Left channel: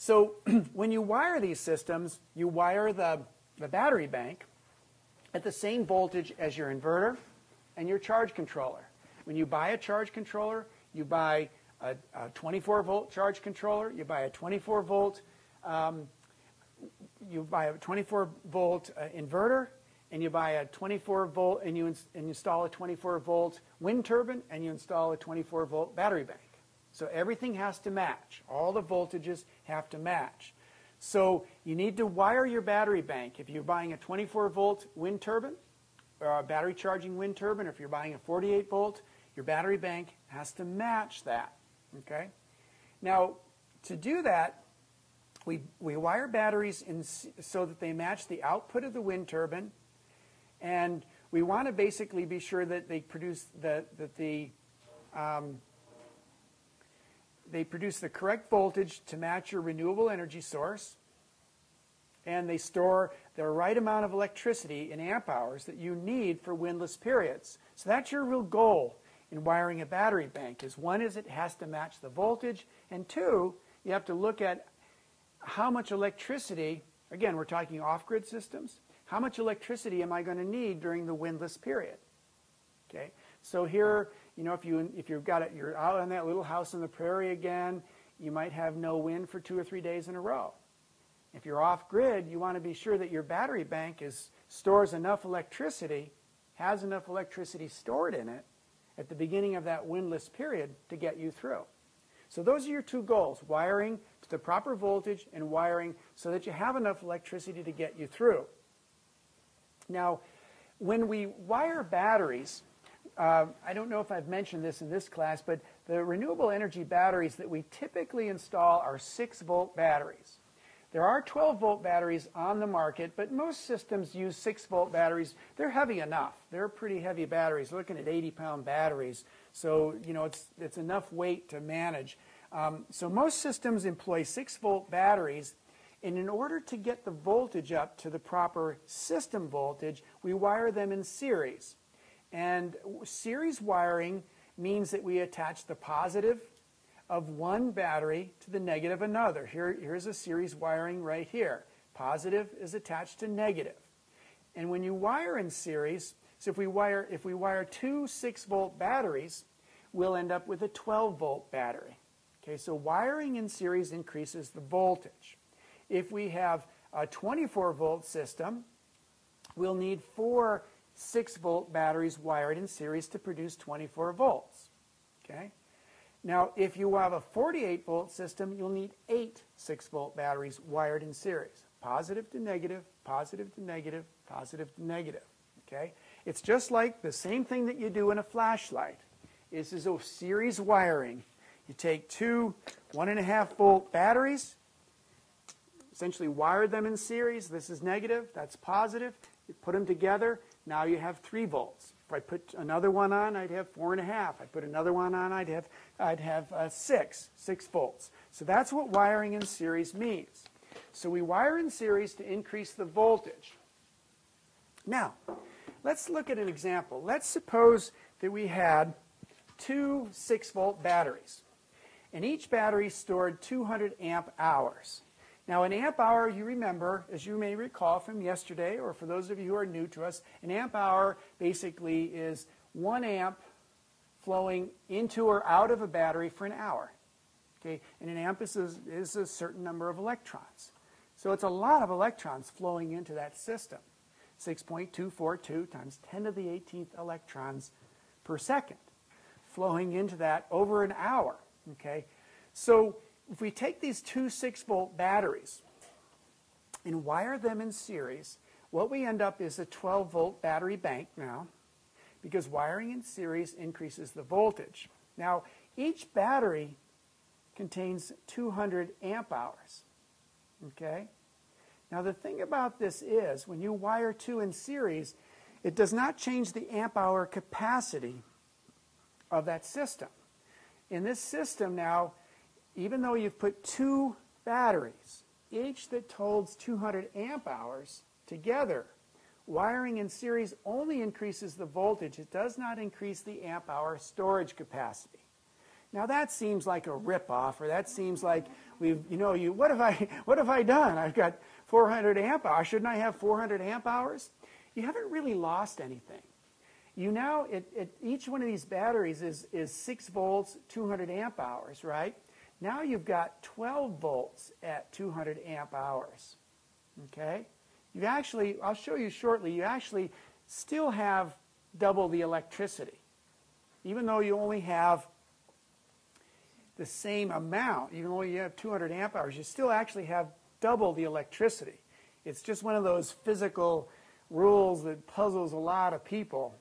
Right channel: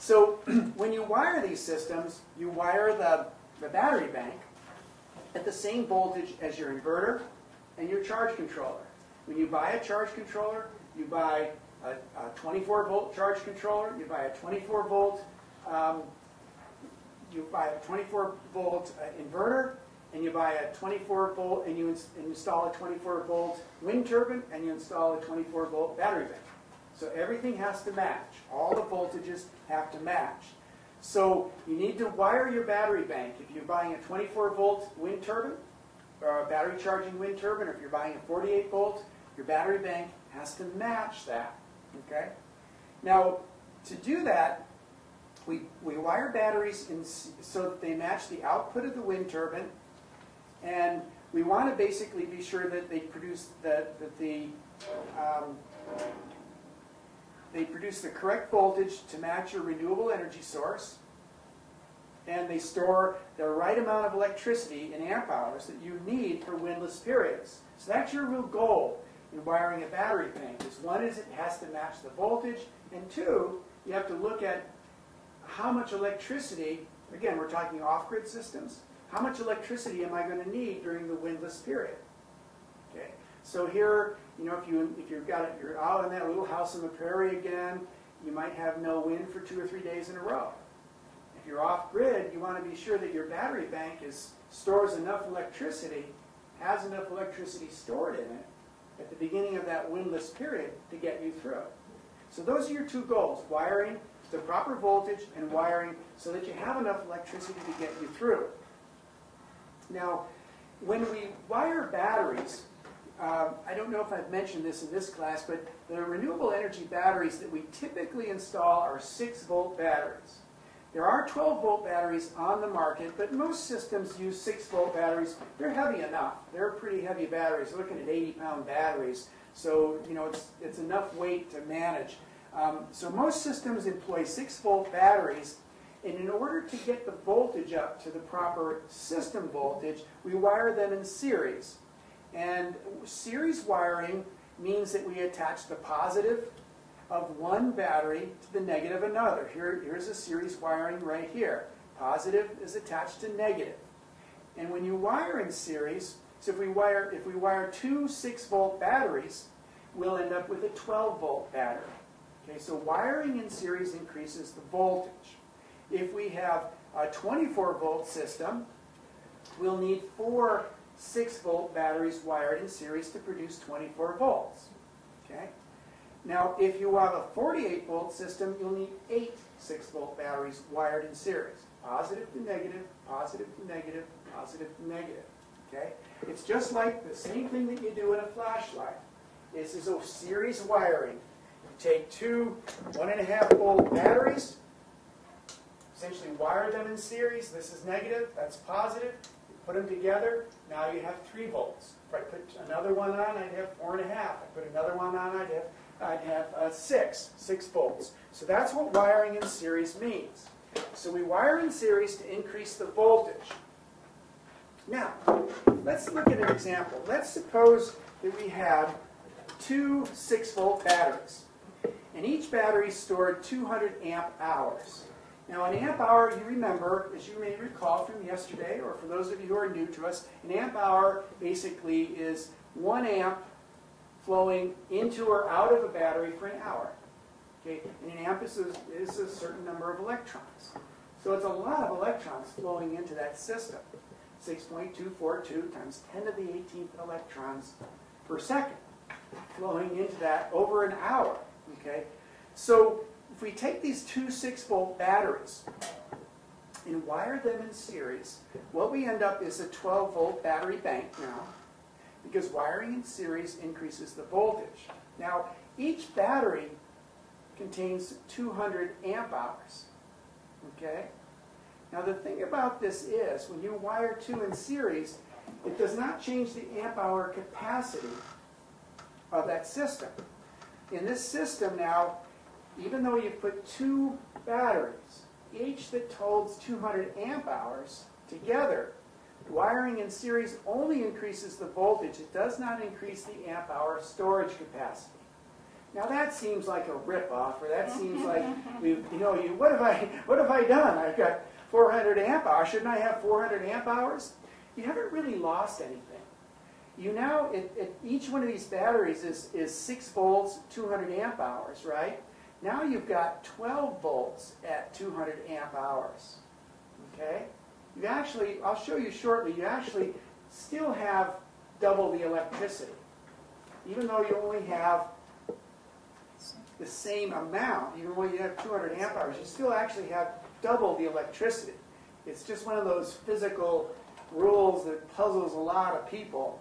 So when you wire these systems, you wire the battery bank at the same voltage as your inverter and your charge controller. When you buy a charge controller, you buy a 24-volt charge controller, you buy a 24-volt inverter, and you buy a 24-volt, and you install a 24-volt wind turbine, and you install a 24-volt battery bank. So everything has to match. All the voltages have to match. So you need to wire your battery bank. If you're buying a 24-volt wind turbine, or a battery charging wind turbine, or if you're buying a 48-volt, your battery bank has to match that. Okay? Now, to do that, we wire batteries so that they match the output of the wind turbine, and we want to basically be sure that they produce they produce the correct voltage to match your renewable energy source, and they store the right amount of electricity in amp hours that you need for windless periods. So that's your real goal in wiring a battery bank. One is it has to match the voltage, and two, you have to look at how much electricity, again, we're talking off-grid systems, how much electricity am I going to need during the windless period? Okay? So here, if you're out on that little house in the prairie again, you might have no wind for 2 or 3 days in a row. If you're off-grid, you want to be sure that your battery bank stores enough electricity, has enough electricity stored in it at the beginning of that windless period to get you through. So those are your two goals, wiring to the proper voltage and wiring so that you have enough electricity to get you through. Now, when we wire batteries, I don't know if I've mentioned this in this class, but the renewable energy batteries that we typically install are 6-volt batteries. There are 12-volt batteries on the market, but most systems use 6-volt batteries. They're heavy enough. They're pretty heavy batteries. We're looking at 80-pound batteries, so it's enough weight to manage. So most systems employ 6-volt batteries, and in order to get the voltage up to the proper system voltage, we wire them in series. And series wiring means that we attach the positive of one battery to the negative of another. Here's a series wiring right here. Positive is attached to negative. And when you wire in series, so if we wire 2 6-volt batteries, we'll end up with a 12-volt battery. Okay, so wiring in series increases the voltage. If we have a 24-volt system, we'll need 4 6-volt batteries wired in series to produce 24 volts. Okay? Now, if you have a 48-volt system, you'll need 8 6-volt batteries wired in series. Positive to negative, positive to negative, positive to negative. Okay? It's just like the same thing that you do in a flashlight. This is a series wiring. You take 2 1.5-volt batteries, essentially wire them in series. This is negative, that's positive. You put them together, now you have 3 volts. If I put another one on, I'd have 4.5. If I put another one on, I'd have 6 volts. So that's what wiring in series means. So we wire in series to increase the voltage. Now, let's look at an example. Let's suppose that we had 2 6-volt batteries, and each battery stored 200 amp hours. Now, an amp hour, you remember, as you may recall from yesterday, or for those of you who are new to us, an amp hour basically is 1 amp flowing into or out of a battery for an hour. Okay? And an amp is a certain number of electrons. So it's a lot of electrons flowing into that system. 6.242 times 10 to the 18th electrons per second flowing into that over an hour. Okay? So if we take these 2 6-volt batteries and wire them in series, what we end up is a 12-volt battery bank now, because wiring in series increases the voltage. Now, each battery contains 200 amp hours. Okay? Now, the thing about this is, when you wire 2 in series, it does not change the amp hour capacity of that system. In this system now, even though you've put 2 batteries, each that holds 200 amp hours together, wiring in series only increases the voltage. It does not increase the amp hour storage capacity. Now that seems like a rip-off, or that seems like what have I done? I've got 400 amp hours. Shouldn't I have 400 amp hours? You haven't really lost anything. You now, each one of these batteries is 6 volts, 200 amp hours, right? Now you've got 12 volts at 200 amp hours. Okay? You actually, I'll show you shortly, you actually still have double the electricity. Even though you only have the same amount, even though you have 200 amp hours, you still actually have double the electricity. It's just one of those physical rules that puzzles a lot of people.